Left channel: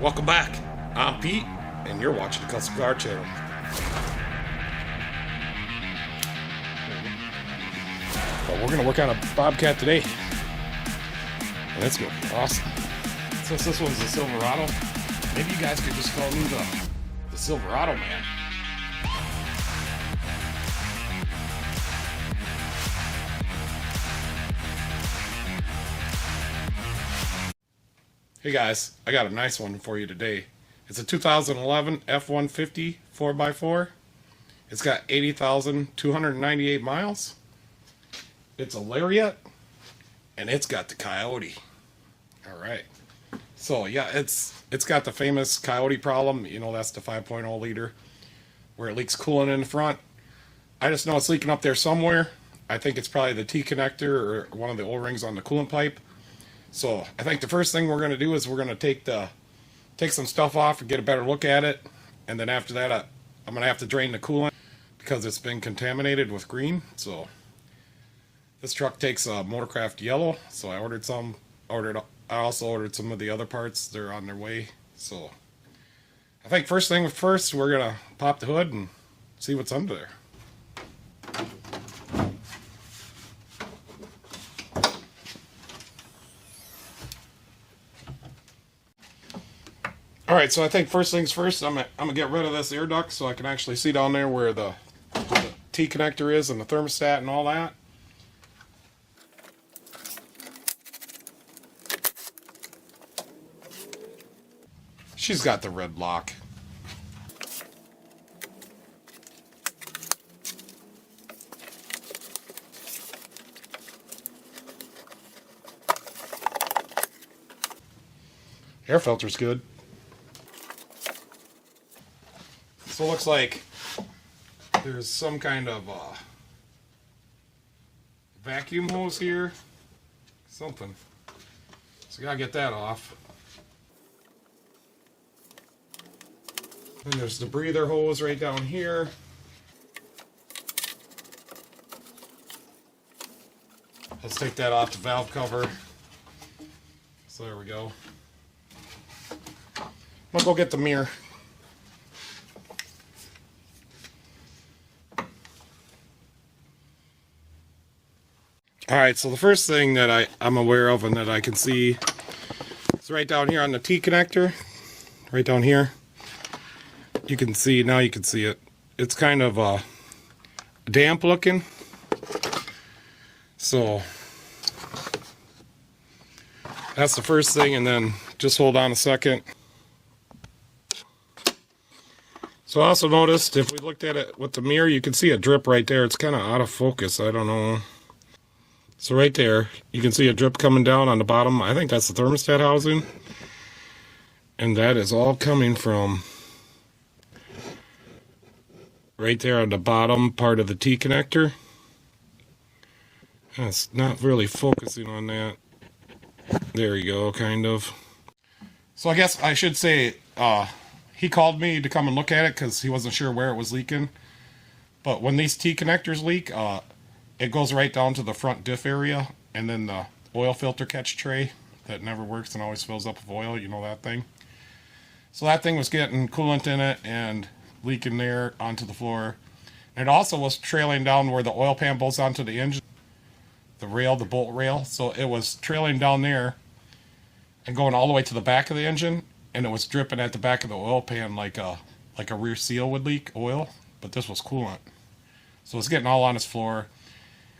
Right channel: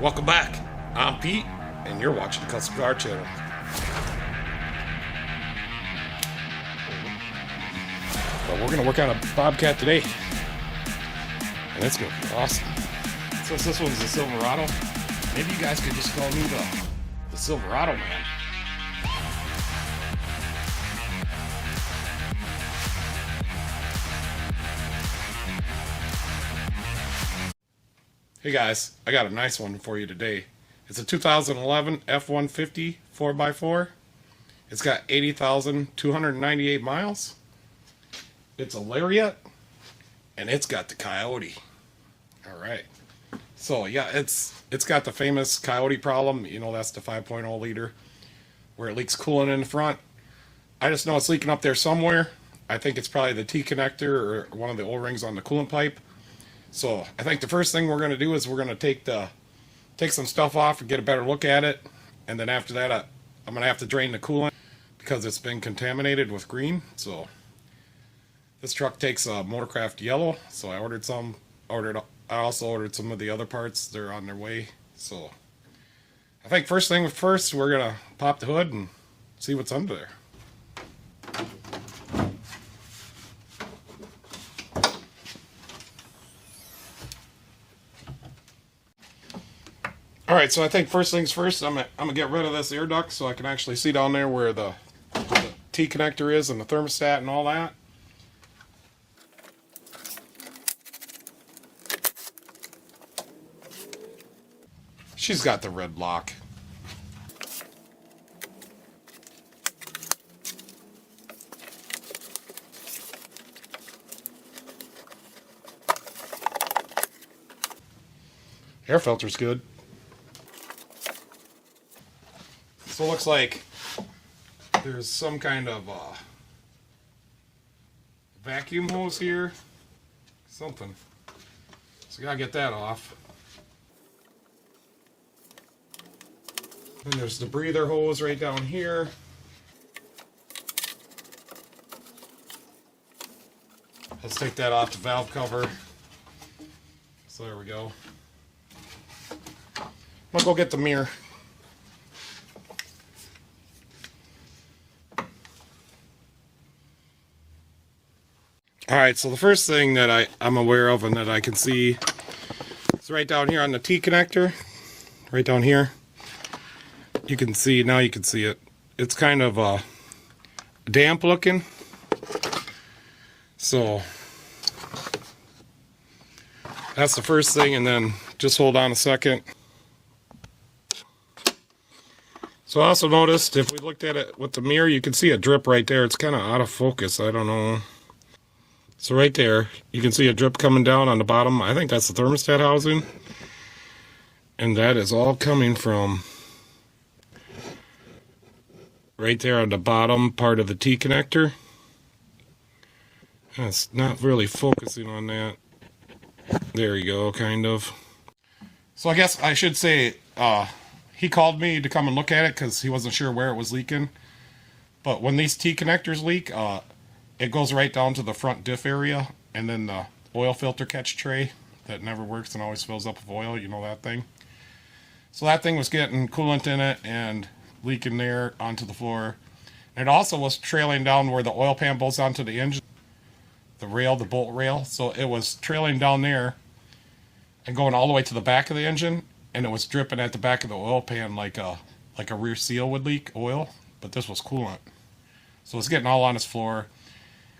Welcome back. I'm Pete, and you're watching the Custom Car Channel. But we're going to work on a Bobcat today, and it's going to be awesome. Since this one's a Silverado, maybe you guys can just call me the Silverado Man. Hey guys, I got a nice one for you today. It's a 2011 F-150 4x4. It's got 80,298 miles. It's a Lariat, and it's got the Coyote. Alright. So yeah, it's got the famous Coyote problem. You know, that's the 5.0 liter, where it leaks coolant in the front. I just know it's leaking up there somewhere. I think it's probably the T-connector or one of the O-rings on the coolant pipe. So I think the first thing we're going to do is we're going to take some stuff off and get a better look at it, and then after that I'm going to have to drain the coolant because it's been contaminated with green. So this truck takes a Motorcraft yellow, so I ordered some. I also ordered some of the other parts. They're on their way. So I think first thing first, we're going to pop the hood and see what's under there. Alright, so I think first things first, I'm gonna get rid of this air duct so I can actually see down there where the T-connector is and the thermostat and all that. She's got the red lock. Air filter's good. So it looks like there's some kind of vacuum hose here. Something. So gotta get that off. And there's the breather hose right down here. Let's take that off the valve cover. So there we go. I'll go get the mirror. Alright, so the first thing that I'm aware of and that I can see is right down here on the T-connector. Right down here. You can see, now you can see it. It's kind of damp looking. So that's the first thing, and then just hold on a second. So I also noticed, if we looked at it with the mirror, you can see a drip right there. It's kind of out of focus, I don't know. So right there, you can see a drip coming down on the bottom. I think that's the thermostat housing. And that is all coming from right there on the bottom part of the T-connector. It's not really focusing on that. There you go, kind of. So I guess I should say, he called me to come and look at it because he wasn't sure where it was leaking. But when these T-connectors leak, it goes right down to the front diff area, and then the oil filter catch tray that never works and always fills up with oil, you know that thing. So that thing was getting coolant in it and leaking there onto the floor. And it also was trailing down where the oil pan bolts onto the engine, the rail, the bolt rail. So it was trailing down there and going all the way to the back of the engine, and it was dripping at the back of the oil pan like a rear seal would leak oil, but this was coolant. So it was getting all on his floor.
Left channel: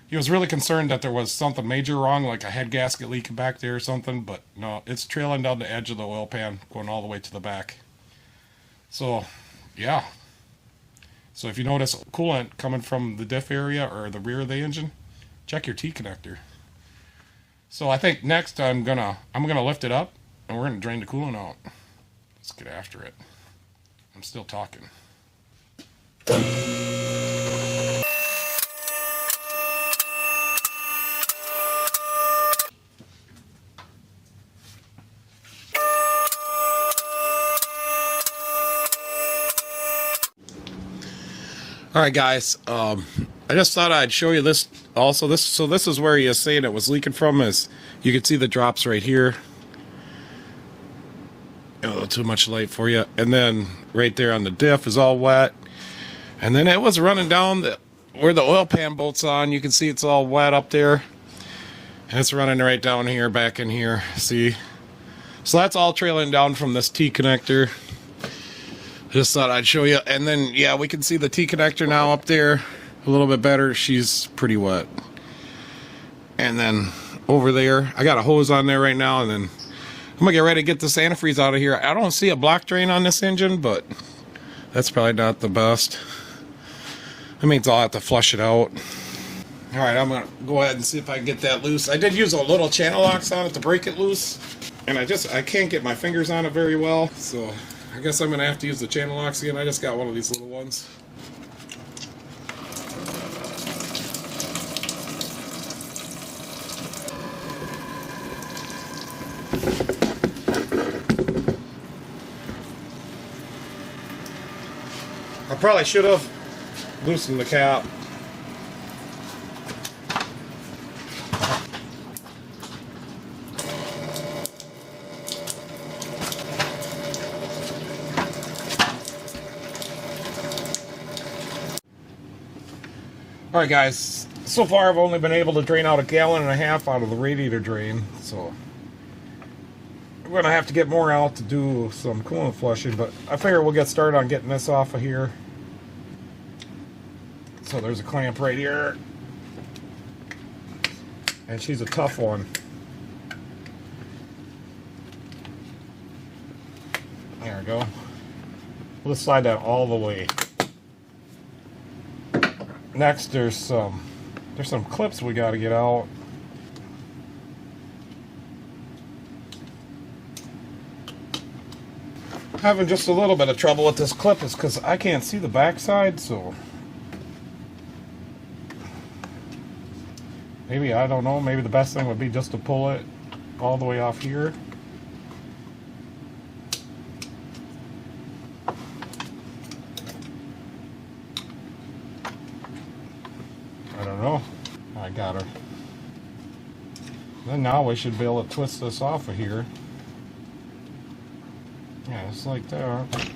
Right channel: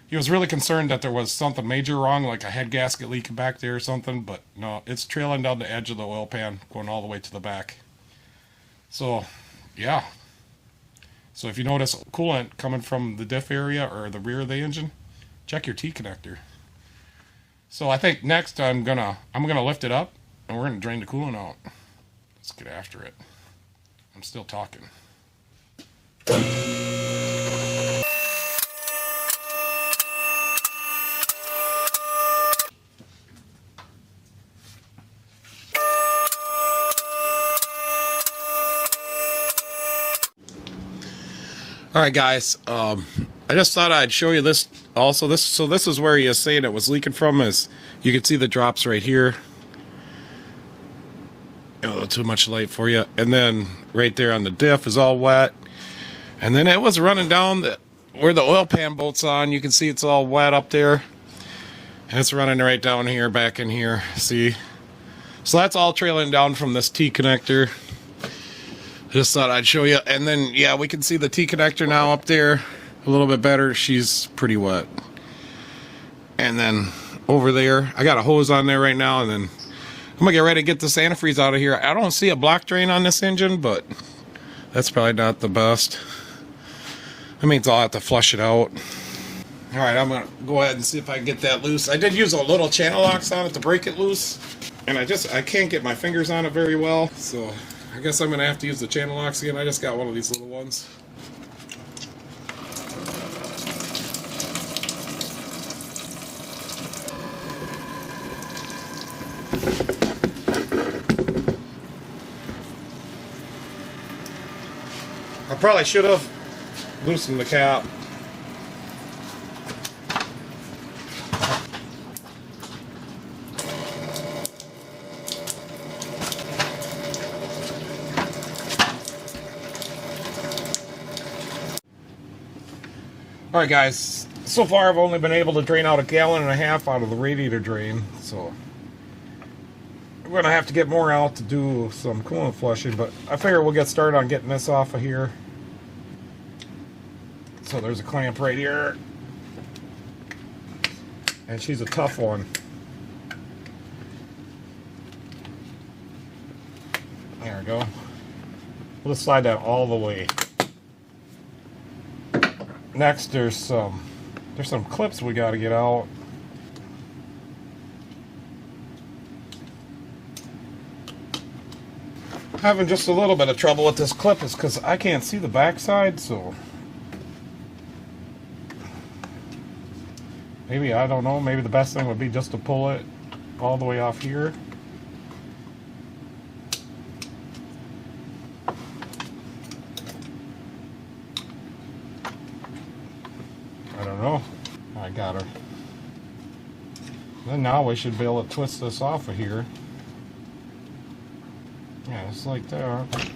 He was really concerned that there was something major wrong, like a head gasket leaking back there or something, but no, it's trailing down the edge of the oil pan, going all the way to the back. So, yeah. So if you notice coolant coming from the diff area or the rear of the engine, check your T-connector. So I think next I'm gonna lift it up and we're gonna drain the coolant out. Let's get after it. I'm still talking. Alright guys, I just thought I'd show you this also. This is where he is saying it was leaking from. Is you can see the drops right here. a little too much light for you. And then right there on the diff is all wet. And then it was running down where the oil pan bolt's on. You can see it's all wet up there. And it's running right down here, back in here. See? So that's all trailing down from this T connector. Just thought I'd show you. And then, yeah, we can see the T connector now up there a little bit better. She's pretty wet. And then over there, I got a hose on there right now. And then I'm going to get ready to get this antifreeze out of here. I don't see a block drain on this engine, but that's probably not the best. That means I'll have to flush it out. Alright, I'm going to go ahead and see if I can get that loose. I did use a little channel locks on it to break it loose. And I can't get my fingers on it very well. So I guess I'm going to have to use the channel locks again. I just got one of these little ones. I probably should have loosened the cap. Alright guys, so far I've only been able to drain out 1.5 gallons out of the radiator drain, so I'm going to have to get more out to do some coolant flushing, but I figure we'll get started on getting this off of here. So there's a clamp right here, and she's a tough one. There we go. We'll just slide that all the way. Next, there's some clips we got to get out. Having just a little bit of trouble with this clip is because I can't see the backside, so maybe, I don't know, maybe the best thing would be just to pull it all the way off here. I don't know. I got it. Then now we should be able to twist this off of here. Yeah, it's like that.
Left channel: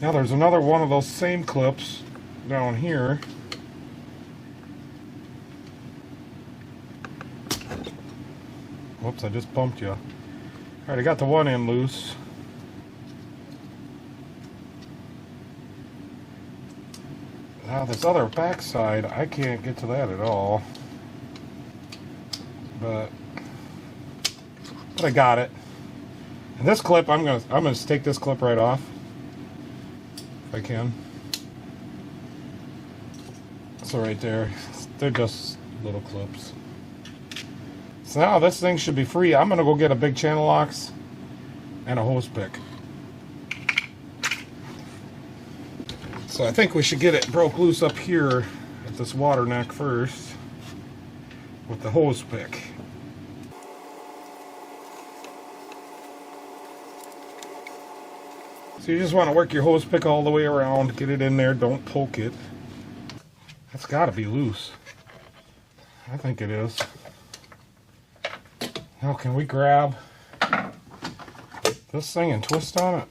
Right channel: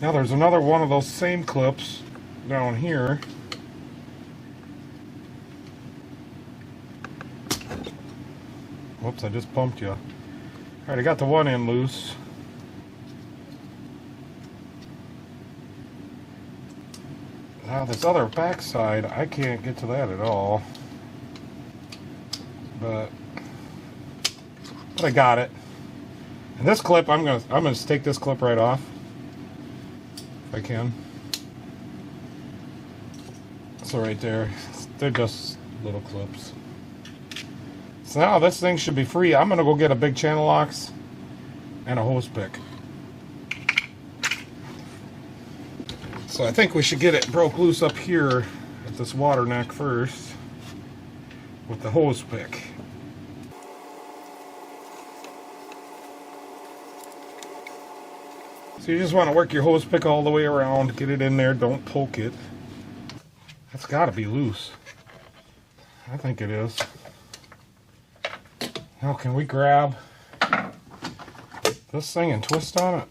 Now there's another one of those same clips down here. Whoops, I just bumped you. Alright, I got the one end loose. Now this other back side, I can't get to that at all. But I got it. And this clip, I'm gonna take this clip right off. If I can. So right there, they're just little clips. So now this thing should be free. I'm gonna go get a big channel locks and a hose pick. So I think we should get it broke loose up here at this water neck first with the hose pick. So you just want to work your hose pick all the way around, get it in there, don't poke it. That's got to be loose. I think it is. Now can we grab this thing and twist on it?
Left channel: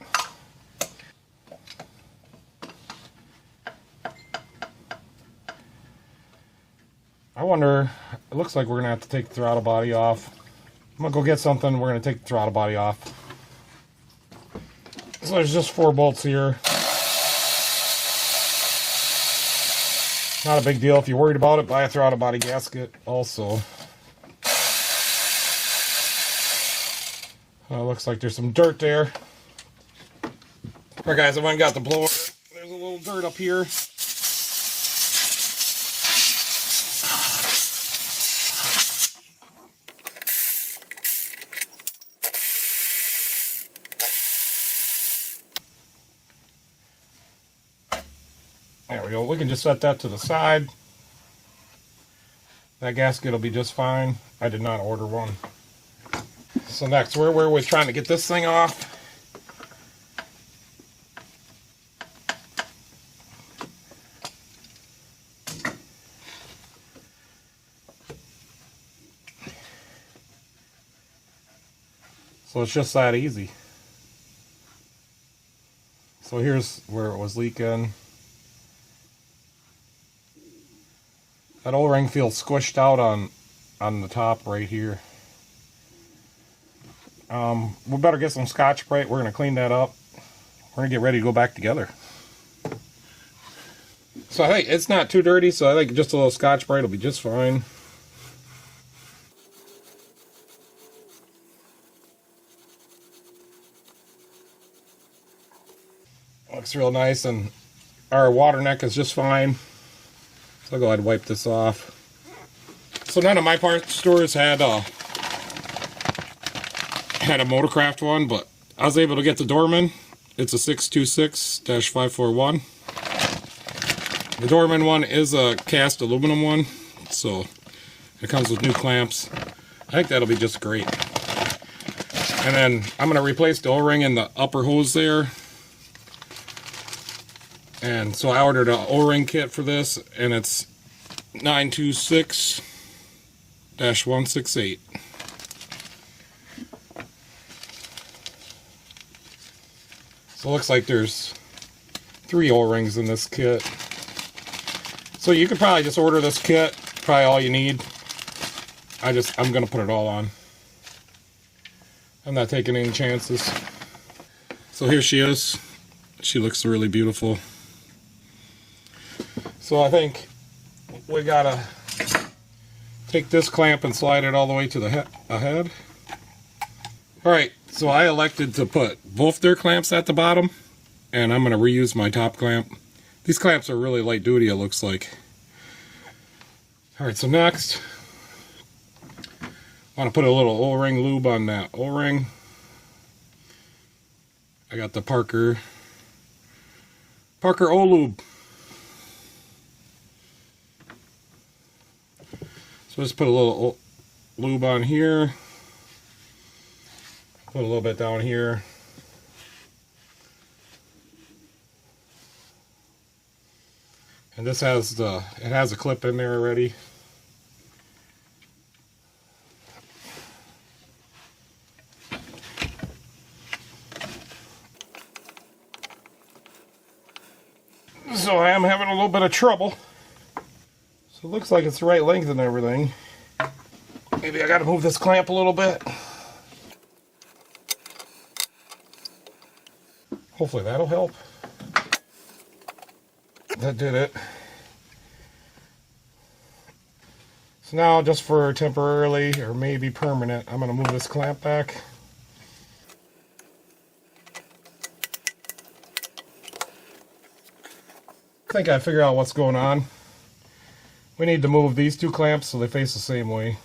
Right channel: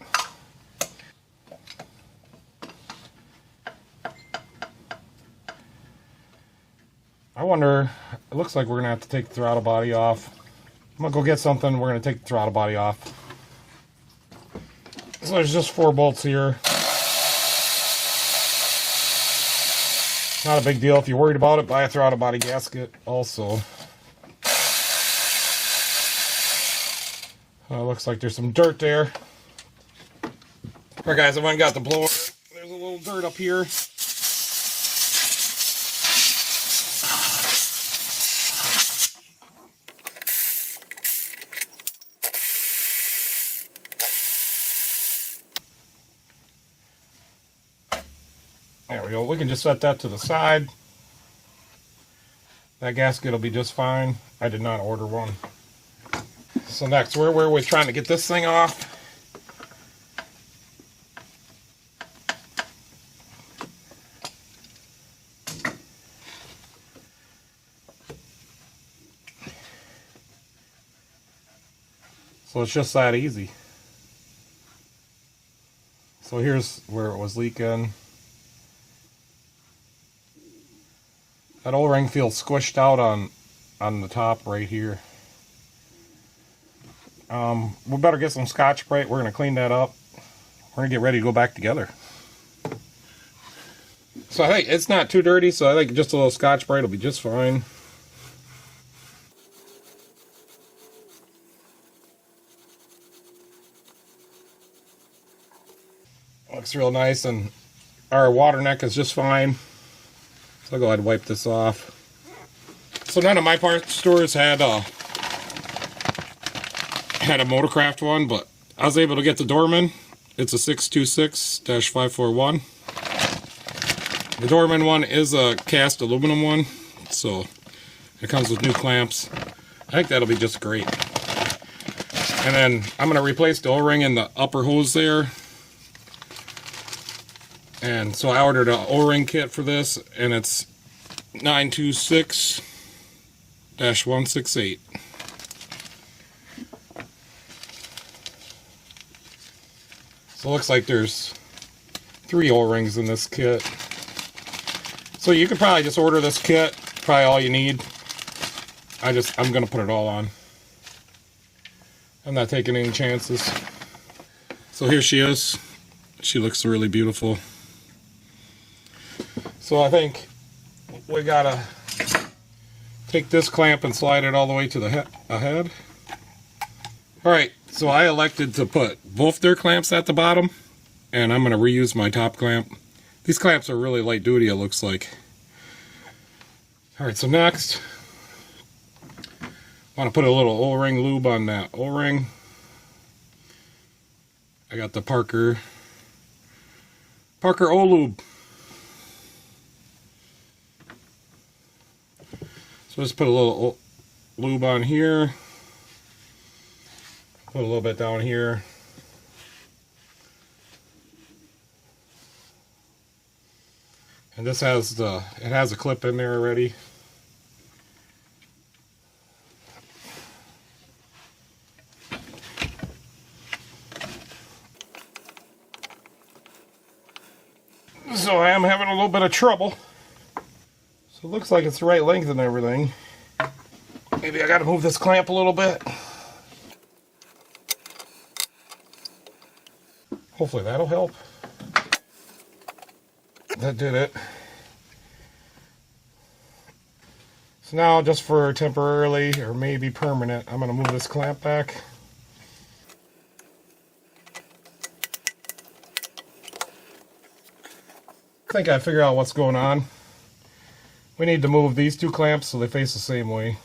I wonder, it looks like we're going to have to take the throttle body off. I'm going to go get something, we're going to take the throttle body off. So there's just 4 bolts here. Not a big deal. If you're worried about it, buy a throttle body gasket also. Looks like there's some dirt there. Alright guys, I went and got the blower. There's a little dirt up here. There we go. We can just set that to the side. That gasket will be just fine. I did not order one. So next, where were we trying to get this thing off? So it's just that easy. So here's where it was leaking. That O-ring feels squished out on the top right here. We better get some Scotch-Brite. We're going to clean that up. We're going to get ready to go back together. So I think it's not too dirty, so I think just a little Scotch-Brite will be just fine. Looks real nice, and our water neck is just fine. So I'll go ahead and wipe this off. So none of my parts stores had a Motorcraft one, but I was able to get the Dorman. It's a 626-541. The Dorman one is a cast aluminum one, so it comes with new clamps. I think that'll be just great. And then I'm going to replace the O-ring in the upper hose there. And so I ordered an O-ring kit for this, and it's 926-168. So it looks like there's 3 O-rings in this kit. So you could probably just order this kit, probably all you need. I'm going to put it all on. I'm not taking any chances. So here she is. She looks really beautiful. So I think we gotta take this clamp and slide it all the way to the head. Alright, so I elected to put both their clamps at the bottom, and I'm going to reuse my top clamp. These clamps are really light duty, it looks like. Alright, so next, I want to put a little O-ring lube on that O-ring. I got the Parker O-Lube. So just put a little lube on here. Put a little bit down here. And this has it has a clip in there already. So I am having a little bit of trouble. So it looks like it's the right length and everything. Maybe I gotta move this clamp a little bit. Hopefully that'll help. That did it. So now, just for temporarily, or maybe permanent, I'm going to move this clamp back. I think I figured out what's going on. We need to move these 2 clamps so they face the same way.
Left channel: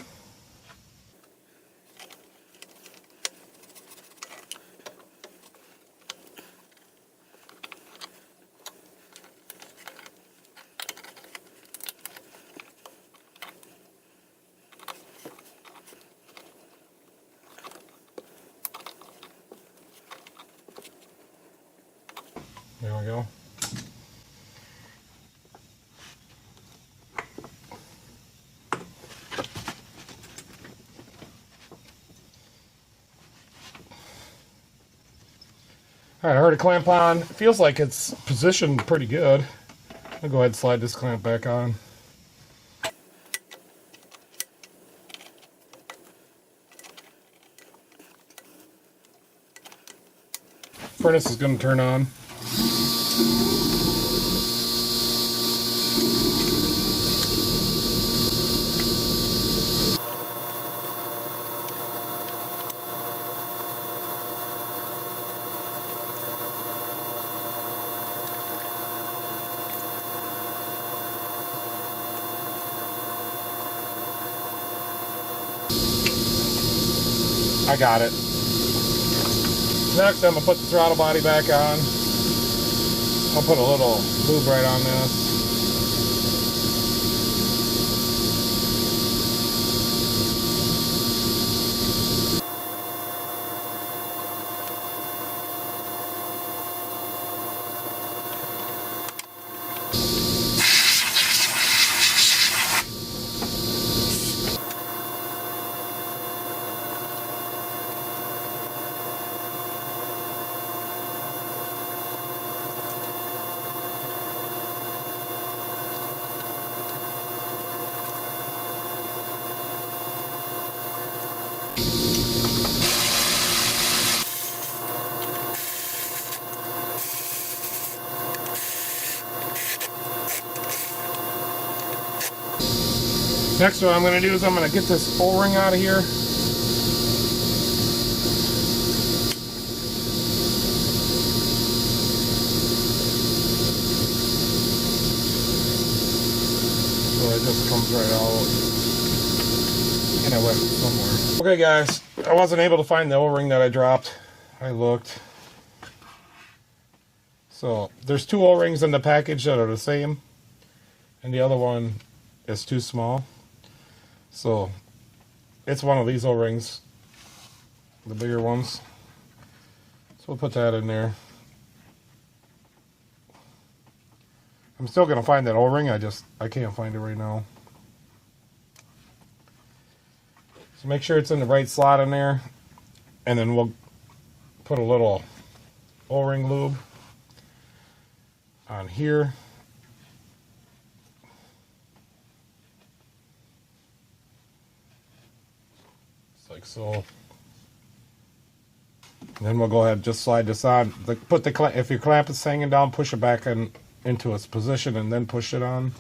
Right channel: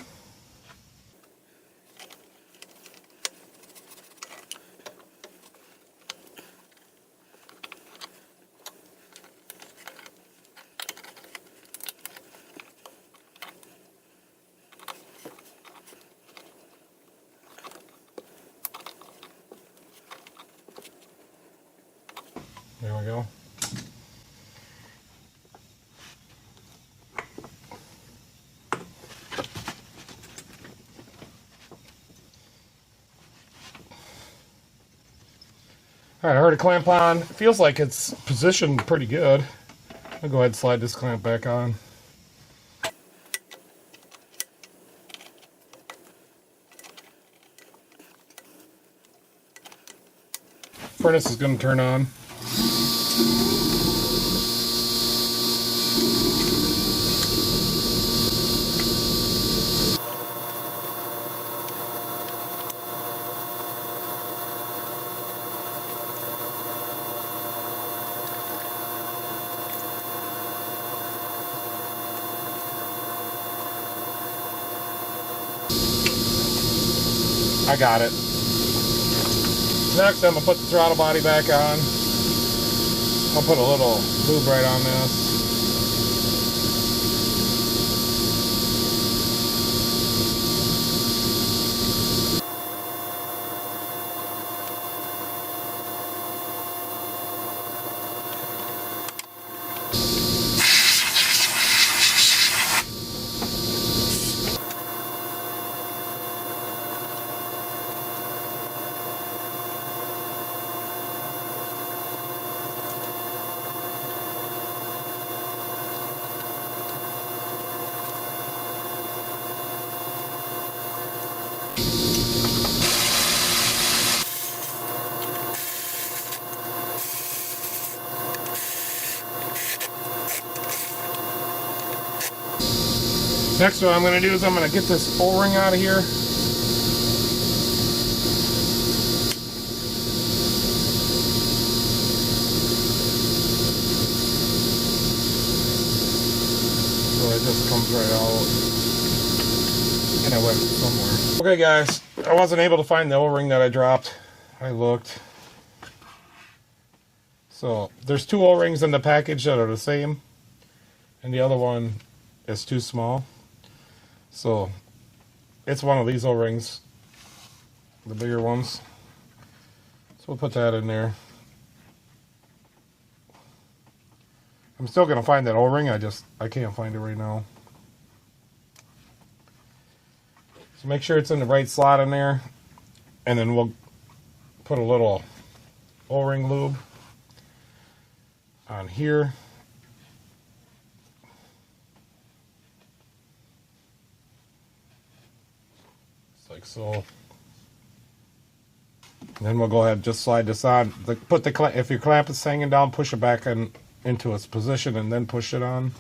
There we go. Alright, I heard a clamp on. It feels like it's positioned pretty good. I'll go ahead and slide this clamp back on. Furnace is going to turn on. I got it. Next, I'm going to put the throttle body back on. I'll put a little lube right on this. Next what I'm going to do is I'm going to get this O-ring out of here. So it just comes right out. And I went somewhere. Okay guys, I wasn't able to find the O-ring that I dropped. I looked. So there's two O-rings in the package that are the same. And the other one is too small. So it's one of these O-rings, the bigger ones. So we'll put that in there. I'm still going to find that O-ring, I can't find it right now. So make sure it's in the right slot in there. And then we'll put a little O-ring lube on here. Like so. And then we'll go ahead and just slide this on. If your clamp is hanging down, push it back into its position and then push it on.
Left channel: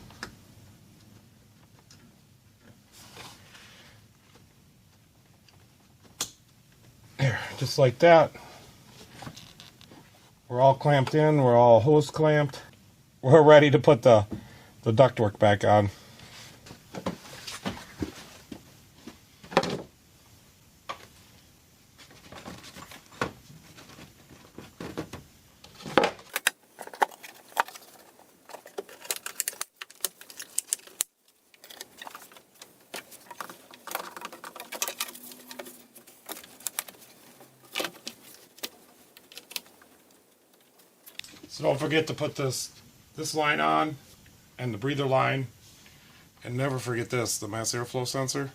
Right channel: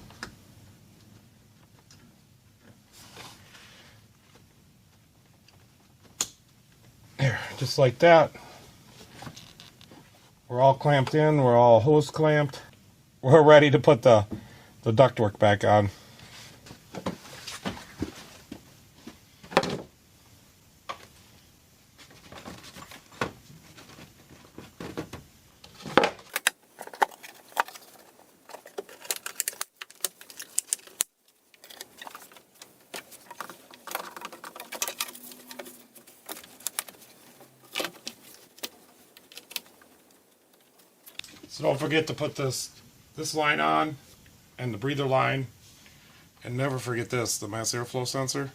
There, just like that. We're all clamped in, we're all hose clamped. We're ready to put the ductwork back on. So don't forget to put this line on and the breather line, and never forget this, the mass airflow sensor,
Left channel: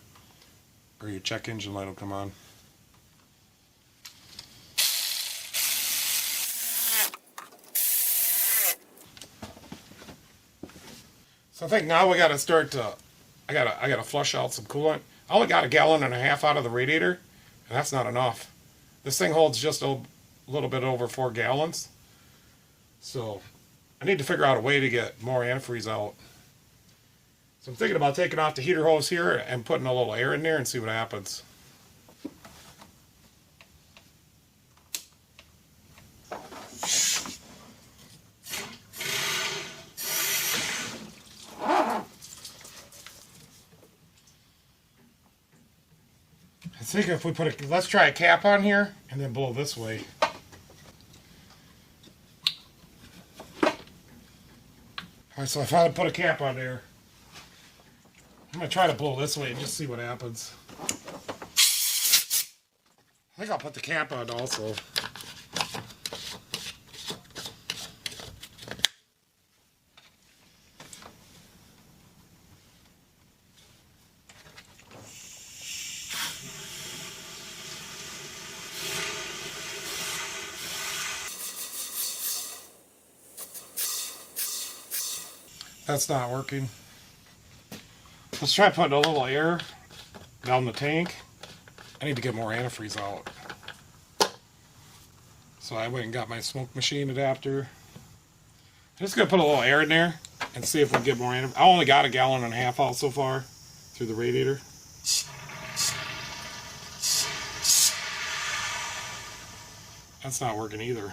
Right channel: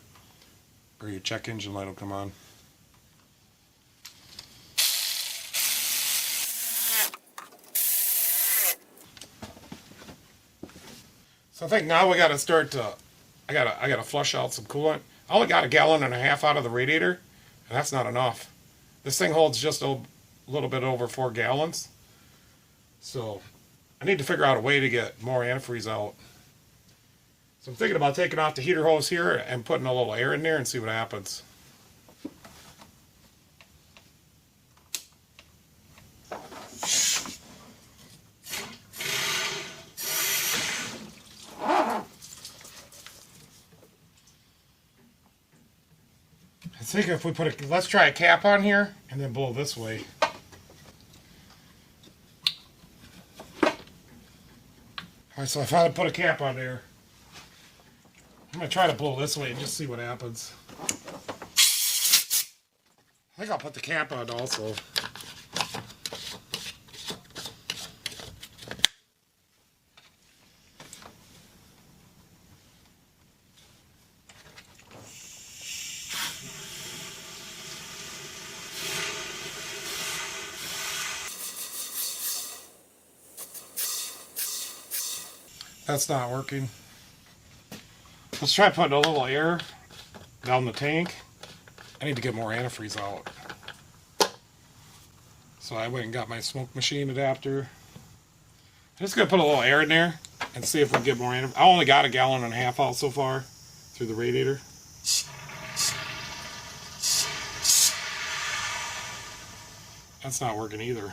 or your check engine light will come on. So I think now we got to start to, I gotta flush out some coolant. I only got 1.5 gallons out of the radiator, and that's not enough. This thing holds just a little bit over 4 gallons. So I need to figure out a way to get more antifreeze out. So I'm thinking about taking off the heater hose here and putting a little air in there and see what happens. I think if we put let's try a cap on here and then blow this way. Alright, so if I put a cap on there, I'm going to try to blow this way and just see what happens. I think I'll put the cap on also. That's not working. Let's try putting a little air down the tank. I need to get more antifreeze out. So I went and got my smoke machine adapter. I'm just going to put a little air in there and see if we can get more antifreeze. I only got 1.5 gallons out so far through the radiator. That's not working either.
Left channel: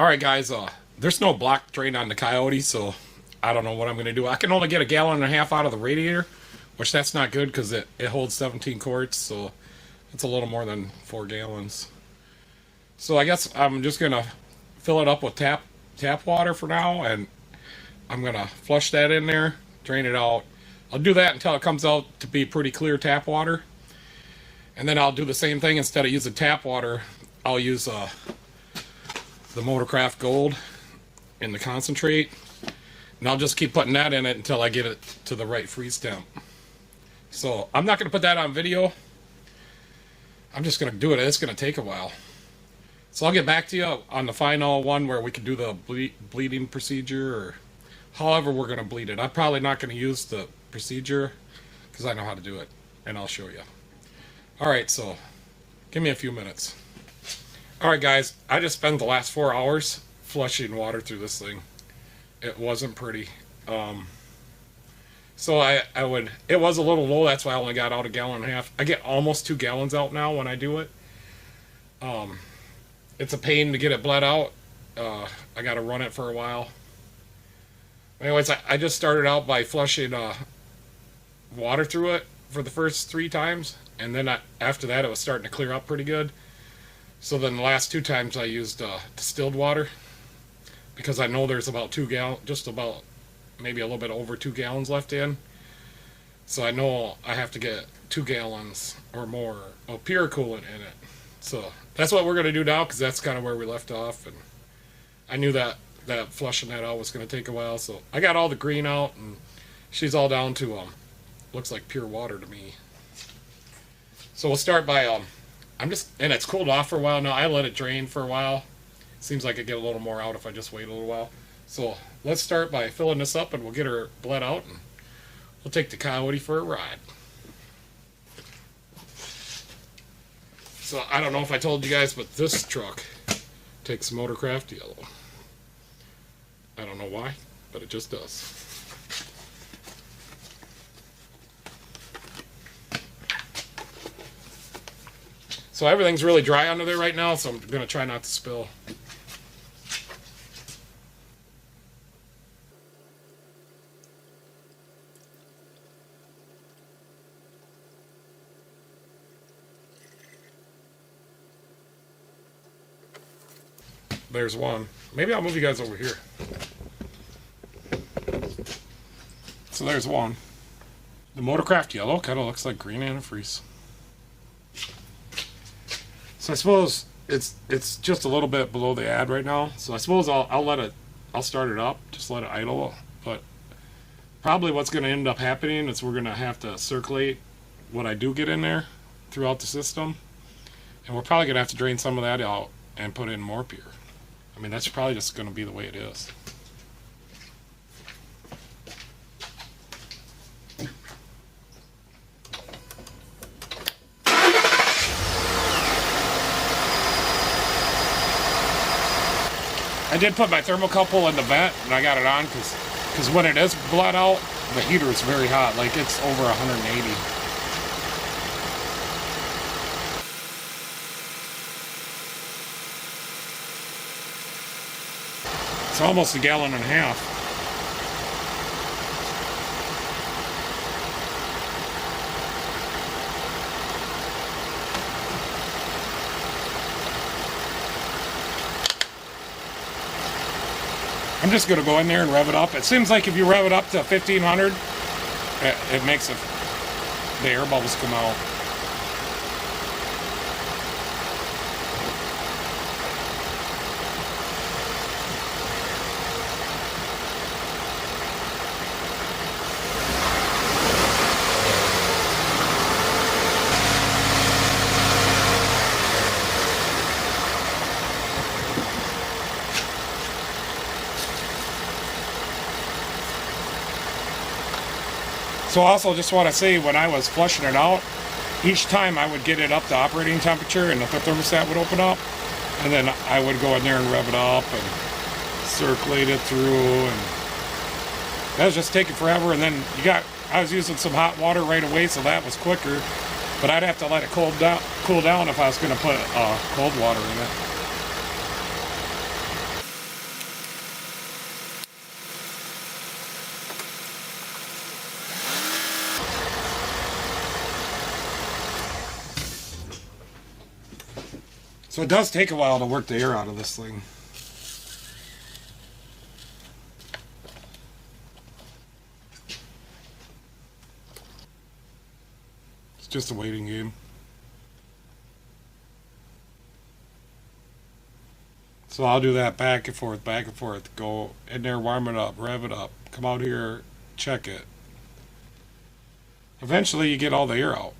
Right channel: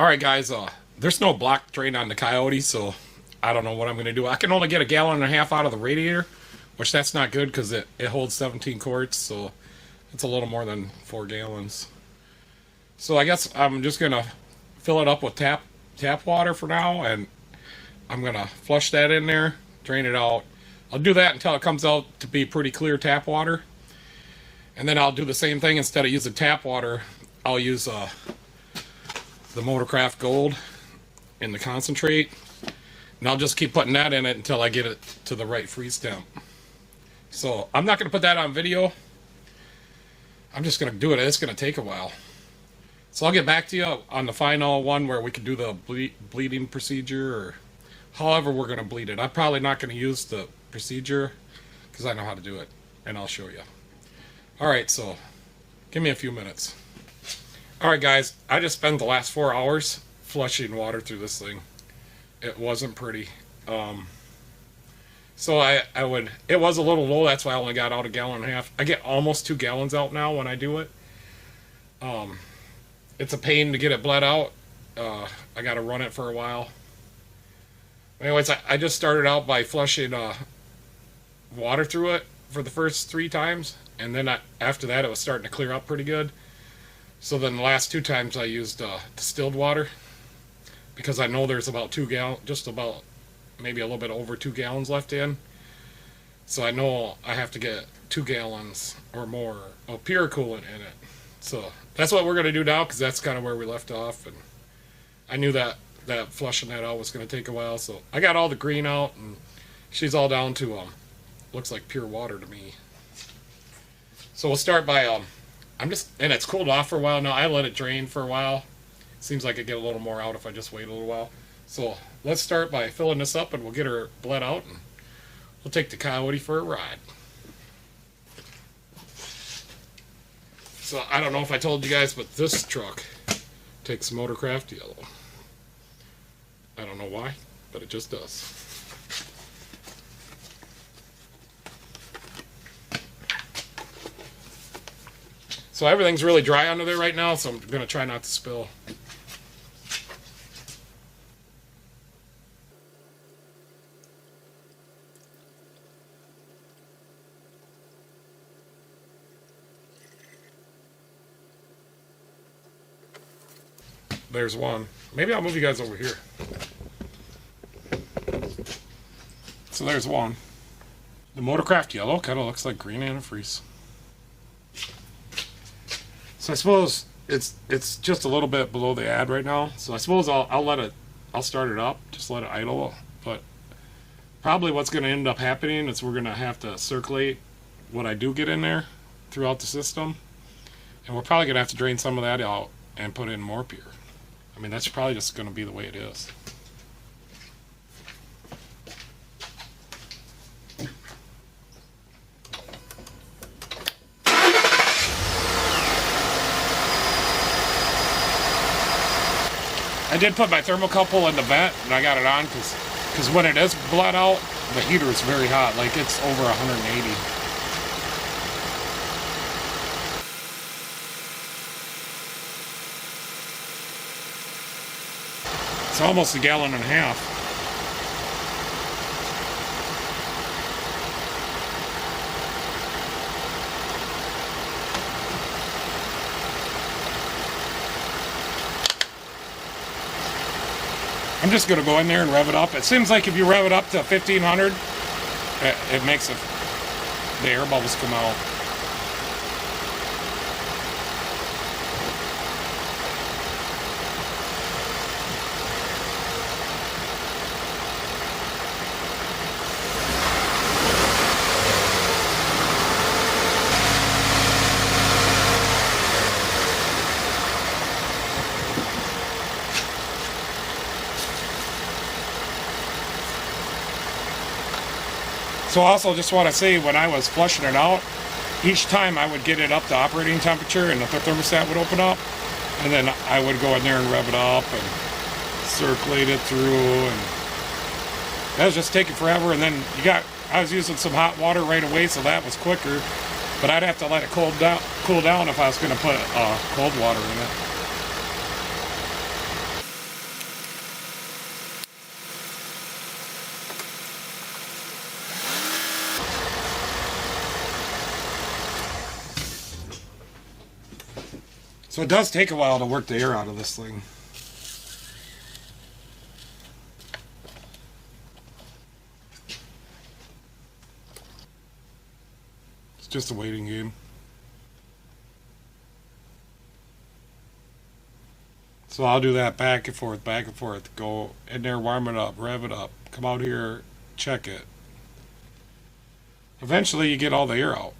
Alright guys, there's no block drain on the Coyote, so I don't know what I'm going to do. I can only get 1.5 gallons out of the radiator, which that's not good because it holds 17 quarts, so it's a little more than 4 gallons. So I guess I'm just going to fill it up with tap water for now, and I'm going to flush that in there, drain it out. I'll do that until it comes out to be pretty clear tap water. And then I'll do the same thing. Instead of using tap water, I'll use the Motorcraft Gold in the concentrate, and I'll just keep putting that in it until I get it to the right freeze temp. So I'm not going to put that on video. I'm just going to do it. It's going to take a while. So I'll get back to you on the final one where we can do the bleeding procedure, or however we're going to bleed it. I'm probably not going to use the procedure because I know how to do it, and I'll show you. Alright, so give me a few minutes. Alright guys, I just spent the last 4 hours flushing water through this thing. It wasn't pretty. So I would, it was a little low, that's why I only got out a gallon and a half. I get almost 2 gallons out now when I do it. It's a pain to get it bled out. I got to run it for a while. Anyways, I just started out by flushing water through it for the first 3 times, and then after that it was starting to clear up pretty good. So then the last 2 times I used distilled water, because I know there's about 2 gallons, just about maybe a little bit over 2 gallons left in. So I know I have to get 2 gallons or more of pure coolant in it. So that's what we're going to do now, because that's kind of where we left off. And I knew that flushing that out was going to take a while. So I got all the green out, and she's all down to, looks like pure water to me. So we'll start by, and it's cooled off for a while now. I let it drain for a while. Seems like I get a little more out if I just wait a little while. So let's start by filling this up, and we'll get her bled out, and we'll take the Coyote for a ride. So I don't know if I told you guys, but this truck takes Motorcraft yellow. I don't know why, but it just does. So everything's really dry under there right now, so I'm going to try not to spill. There's one. Maybe I'll move you guys over here. So there's one. The Motorcraft yellow kind of looks like green antifreeze. So I suppose it's just a little bit below the ad right now. So I suppose I'll start it up, just let it idle. But probably what's going to end up happening is we're going to have to circulate what I do get in there throughout the system. And we're probably going to have to drain some of that out and put in more pure. I mean, that's probably just going to be the way it is. I did put my thermocouple in the vent, and I got it on because when it is bled out, the heater is very hot. Like, it's over 180. It's almost a gallon and a half. I'm just going to go in there and rev it up. It seems like if you rev it up to 1500, it makes the air bubbles come out. So also just want to say, when I was flushing it out, each time I would get it up to operating temperature and the thermostat would open up, and then I would go in there and rev it up and circulate it through, and that was just taking forever. And then I was using some hot water right away, so that was quicker, but I'd have to let it cool down if I was going to put cold water in it. So it does take a while to work the air out of this thing. It's just a waiting game. So I'll do that back and forth, go in there, warm it up, rev it up, come out here, check it. Eventually you get all the air out.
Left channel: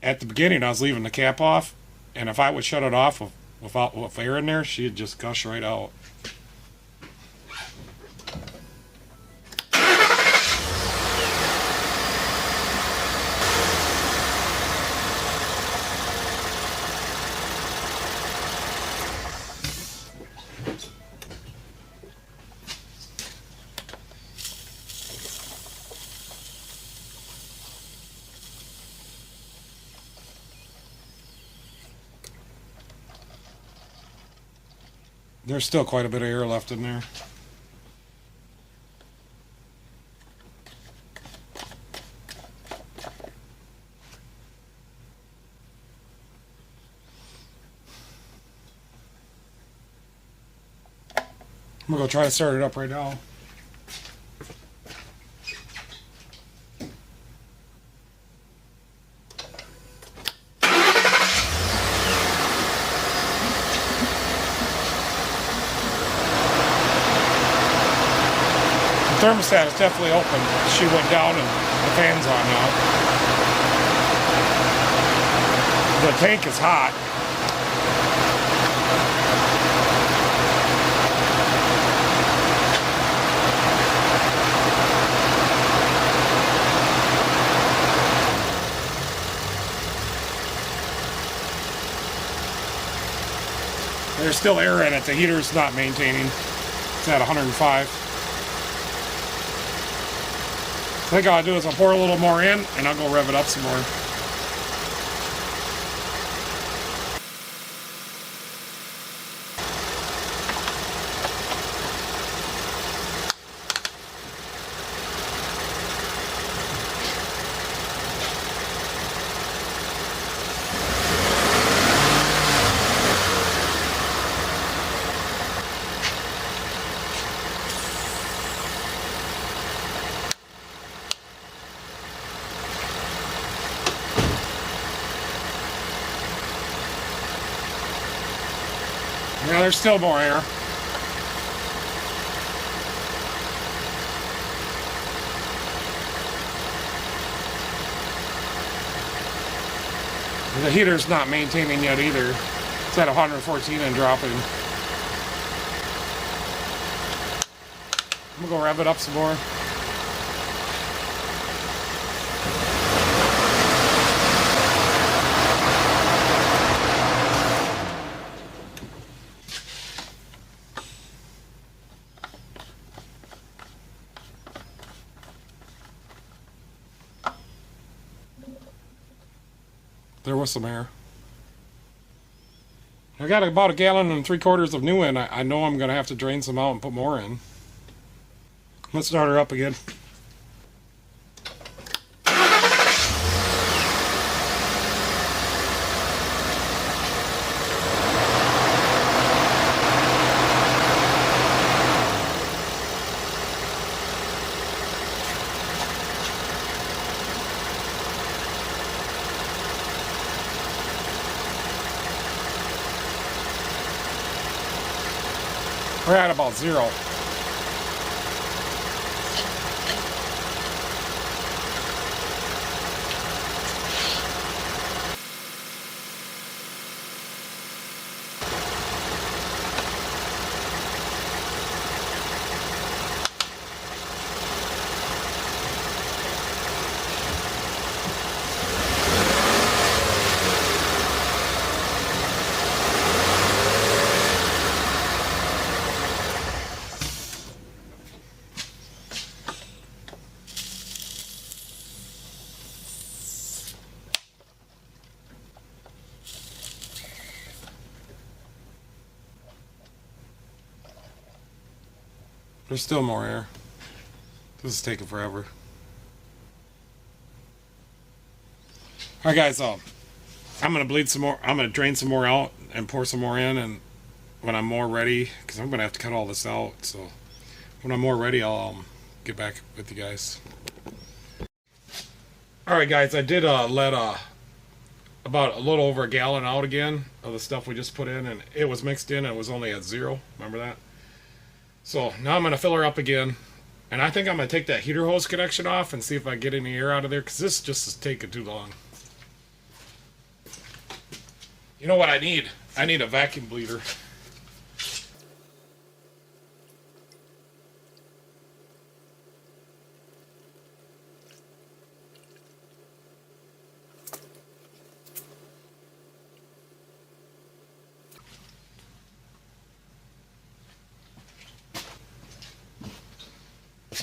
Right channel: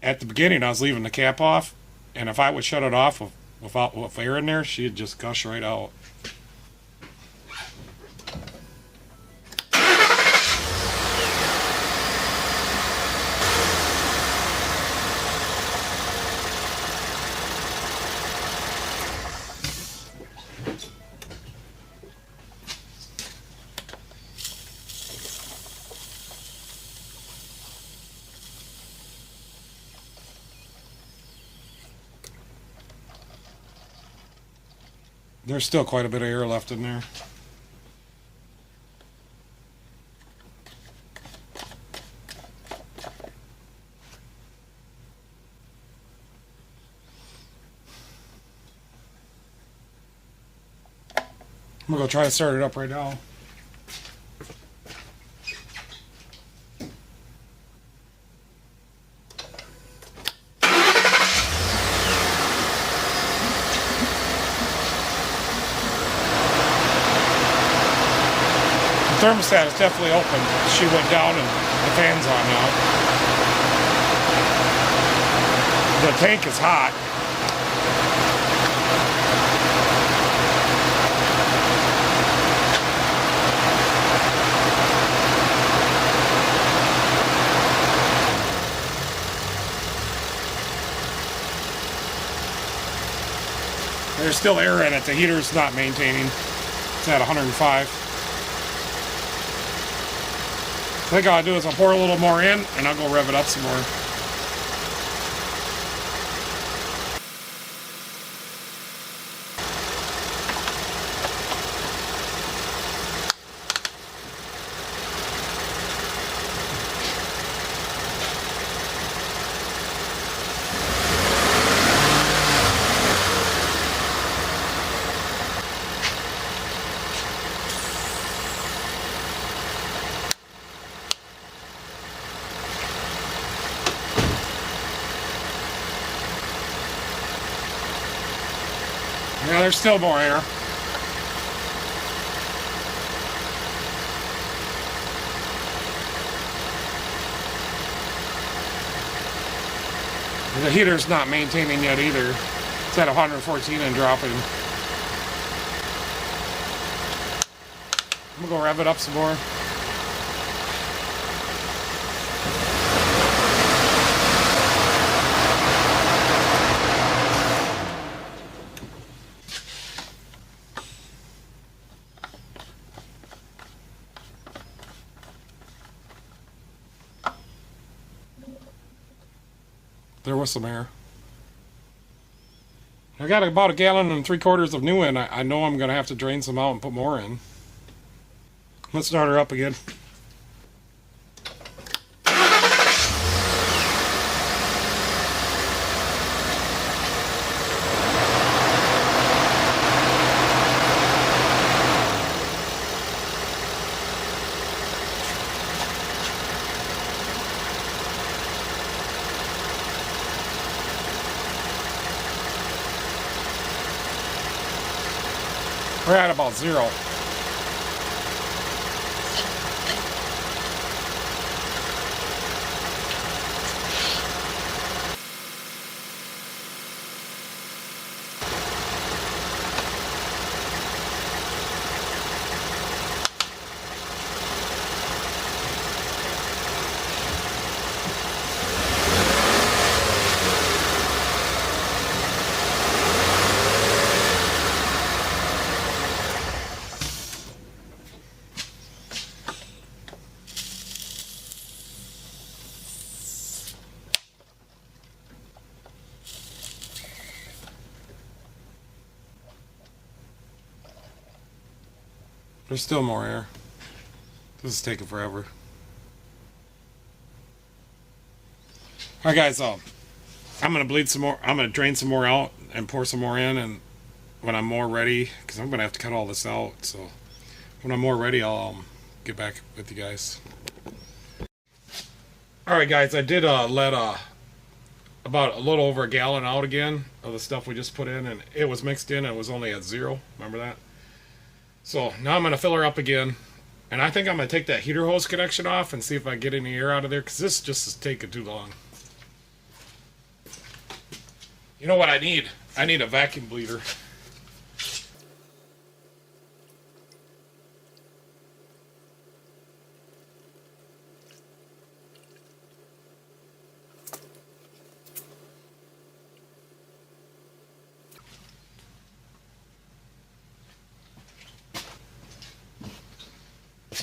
At the beginning, I was leaving the cap off, and if I would shut it off with air in there, she'd just gush right out. There's still quite a bit of air left in there. I'm gonna go try to start it up right now. The thermostat is definitely open. She went down and the fan's on now. The tank is hot. There's still air in it. The heater's not maintaining. It's at 105. I think all I'll do is I'll pour a little more in and I'll go rev it up some more. Yeah, there's still more air. The heater's not maintaining yet either. It's at 114 and dropping. I'm gonna go rev it up some more. There was some air. I got about 1.75 gallons of new in. I know I'm going to have to drain some out and put more in. Let's start her up again. We're at about 0. There's still more air. This is taking forever. Alright guys, I'm going to bleed some more. I'm going to drain some more out and pour some more in, and when I'm more ready, because I'm going to have to cut all this out, so when I'm more ready I'll get back with you guys. Alright guys, I did let about a little over 1 gallon out again of the stuff we just put in, and it was mixed in and it was only at 0. Remember that? So now I'm going to fill her up again, and I think I'm going to take that heater hose connection off and see if I can get any air out of there, because this just is taking too long. You know what I need? I need a vacuum bleeder.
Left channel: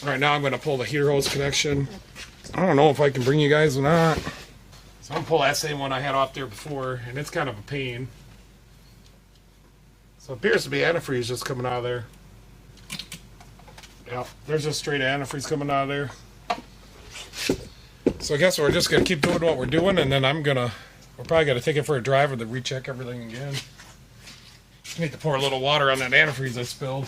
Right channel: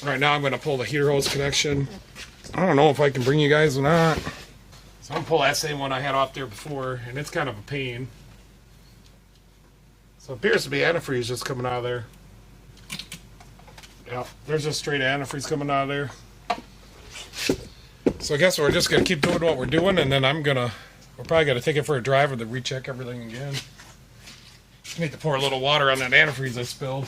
Right now I'm going to pull the heater hose connection. I don't know if I can bring you guys or not. So I'm going to pull that same one I had off there before, and it's kind of a pain. So it appears to be antifreeze just coming out of there. Yeah, there's just straight antifreeze coming out of there. So I guess we're just going to keep doing what we're doing, and then we're probably going to take it for a drive and then recheck everything again. I need to pour a little water on that antifreeze I spilled.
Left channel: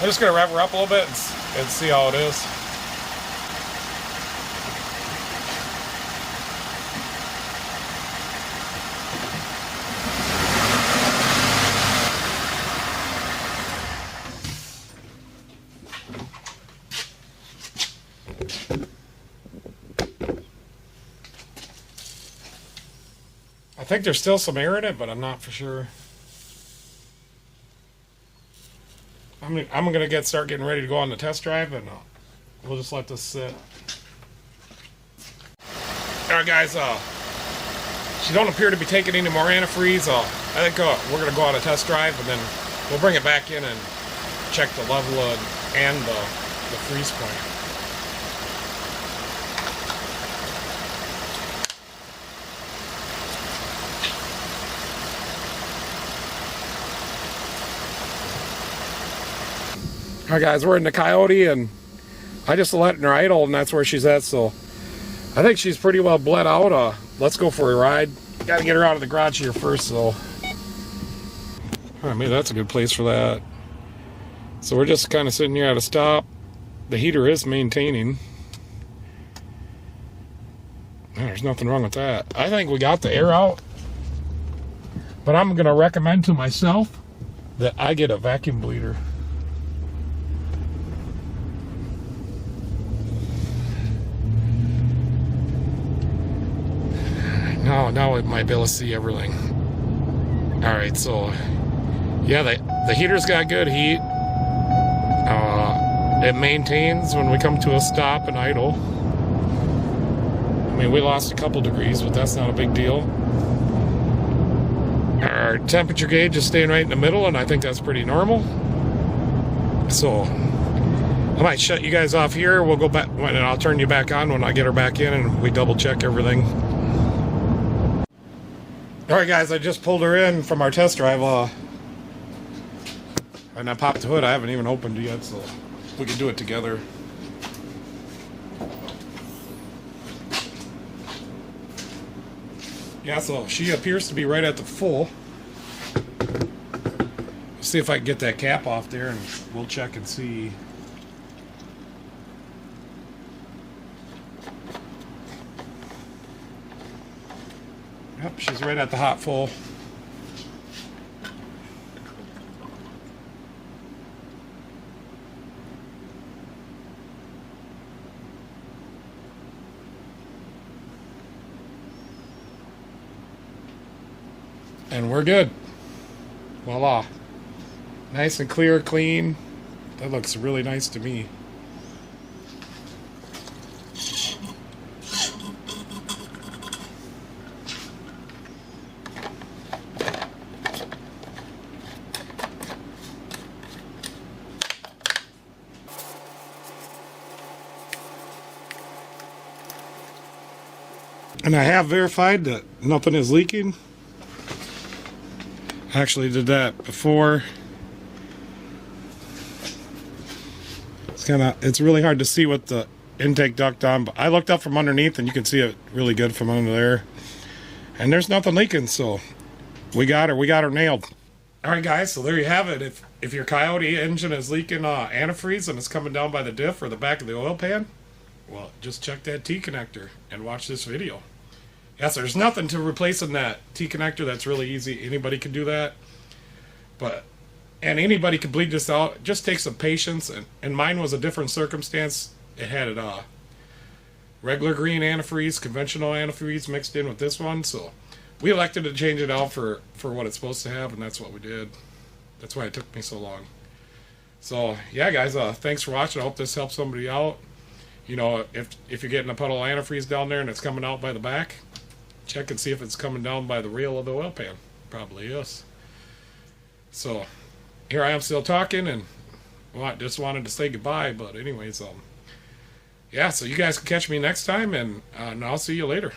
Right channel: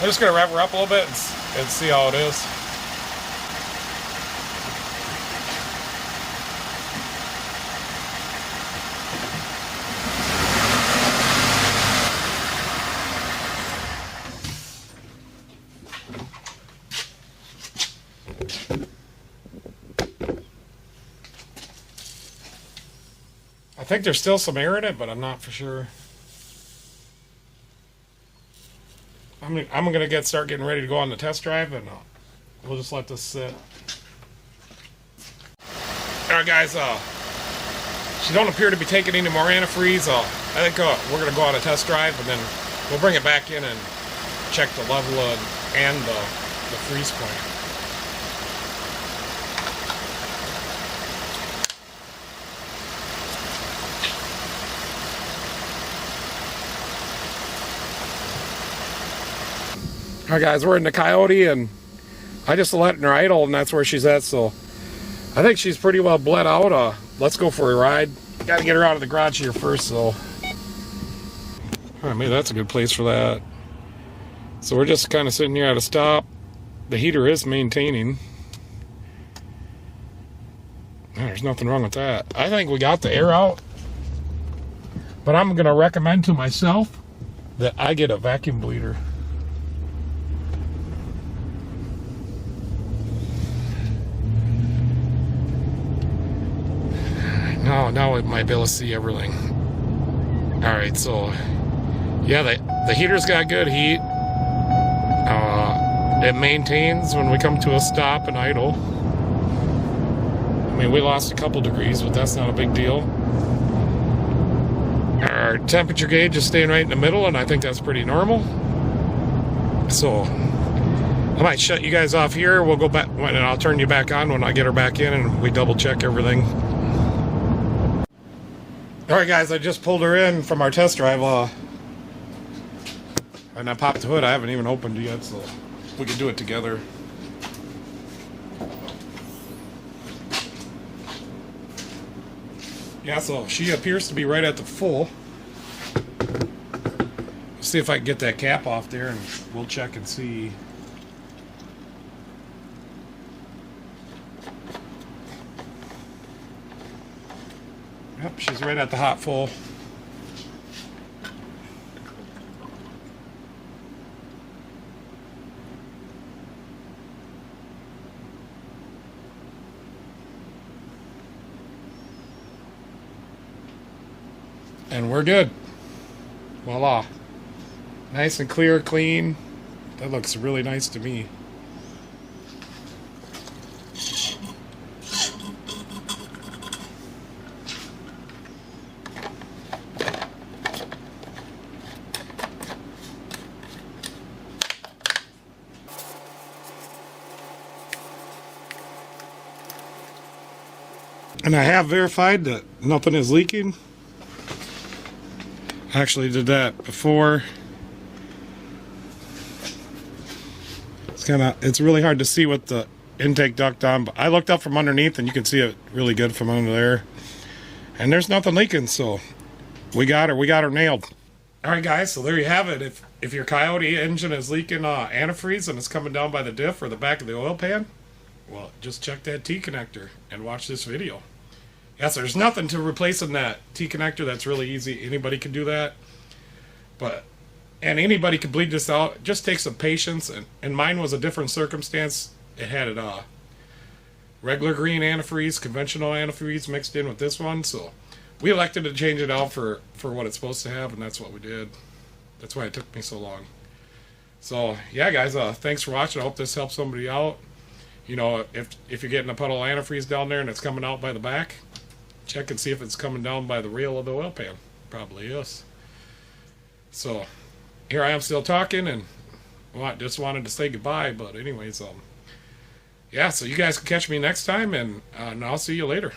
I'm just going to rev her up a little bit and see how it is. I think there's still some air in it, but I'm not for sure. I'm going to start getting ready to go on the test drive, and we'll just let this sit. Alright guys, she don't appear to be taking any more antifreeze. I think we're going to go on a test drive, and then we'll bring it back in and check the level and the freeze point. Alright guys, we're in the Coyote, and I just let her idle, and that's where she's at, so I think she's pretty well bled out. Let's go for a ride. Gotta get her out of the garage here first, so. Alright, maybe that's a good place for that. So we're just kind of sitting here at a stop. The heater is maintaining. There's nothing wrong with that. I think we got the air out, but I'm going to recommend to myself that I get a vacuum bleeder. Now I might be able to see everything. Alright, so yeah, the heater's got good heat. It maintains when we come to a stop and idle. I mean, we lost a couple degrees, but that's not a big deal. Our temperature gauge is staying right in the middle, and I think that's pretty normal. So I might shut you guys off here. We'll go back, and I'll turn you back on when I get her back in and we double check everything. Alright guys, I just pulled her in from our test drive, and I popped the hood. I haven't even opened it yet, so we can do it together. Yeah, so she appears to be right at the full. Let's see if I can get that cap off there, and we'll check and see. Yep, she's right at the hot full. And we're good. Voila. Nice and clear, clean. That looks really nice to me. And I have verified that nothing is leaking. I actually did that before. It's really hard to see with the intake duct on, but I looked up from underneath and you can see it really good from under there. And there's nothing leaking, so we got her nailed. Alright guys, so there you have it. If your Coyote engine is leaking antifreeze and it's coming down by the diff or the back of the oil pan, well, just check that T connector and watch this video. Yes, there's nothing to replacing that T connector. That's really easy. Anybody can do that. And anybody can bleed this out. It just takes some patience. And mine was a different circumstance. It had regular green antifreeze, conventional antifreeze mixed in with this one. So we elected to change it out for what it's supposed to have, and that's what we did. That's why it took me so long. So yeah, guys, thanks for watching. I hope this helps somebody out. You know, if you're getting a puddle of antifreeze down there and it's coming out by the back, check and see if it's coming down by the rail of the oil pan. Probably is. So here I am still talking, and well, I just wanted to say goodbye. But anyways, yeah. So you guys can catch me next time, and I'll see you later.